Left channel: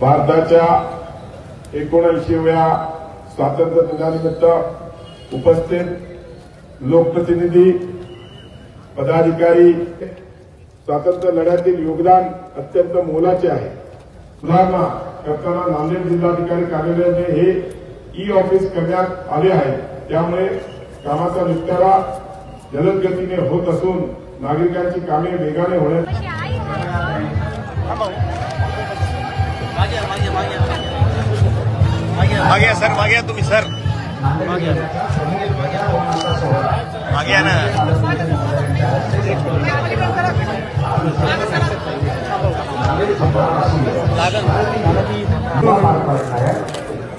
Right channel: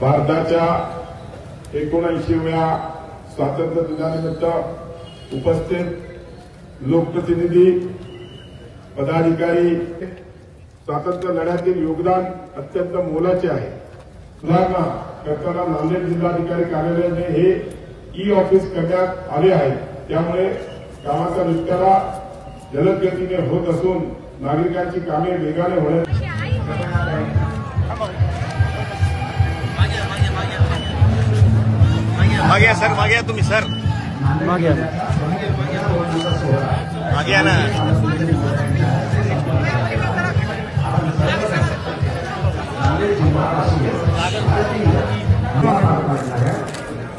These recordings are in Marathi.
भारताच्या 79व्या स्वातंत्र्य दिनानिमित्त उपस्थित लोकप्रतिनिधी, पदाधिकारी, स्वातंत्र्य लढ्यातील योगदान अत्यंत मोलाचे आहे। सुधारणा करताना नांदेड जिल्हाधिकारी कार्यालयाने हे ई ऑफिस करण्यात आले आहे। त्यामुळे कामाचा निपटारा जलद गतीने होत असून नागरिकांची कामे वेगाने होण्यास मागे सर, मागे तुम्ही सर, मागे ना।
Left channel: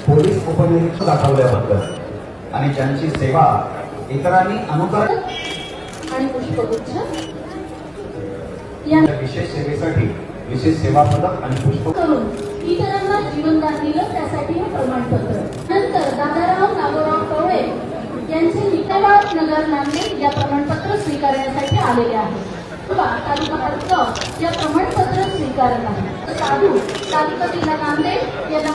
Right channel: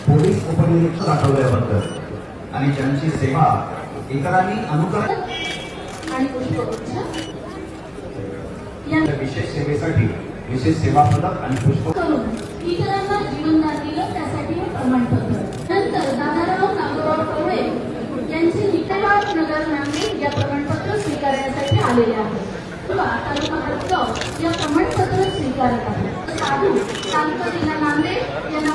पोलीस उपनिरीक्षक दाखवल्याबद्दल आणि त्यांची सेवा इतरांनी अनुकरण आणि पुष्पगुच्छ विशेष सेवेसाठी विशेष सेवा पदक आणि पुष्प करून इतरांना जीवनदान दिलं, त्यासाठी हे प्रमाणपत्र। नंतर दादाराव नागोराव कवळे यांचे निकालात नगर नांदेड या प्रमाणपत्र स्वीकारण्यासाठी आलेले आहेत किंवा तालुका या प्रमाणपत्र स्वीकारत आहे। साधू तालुका जिल्हा नांदेड यांना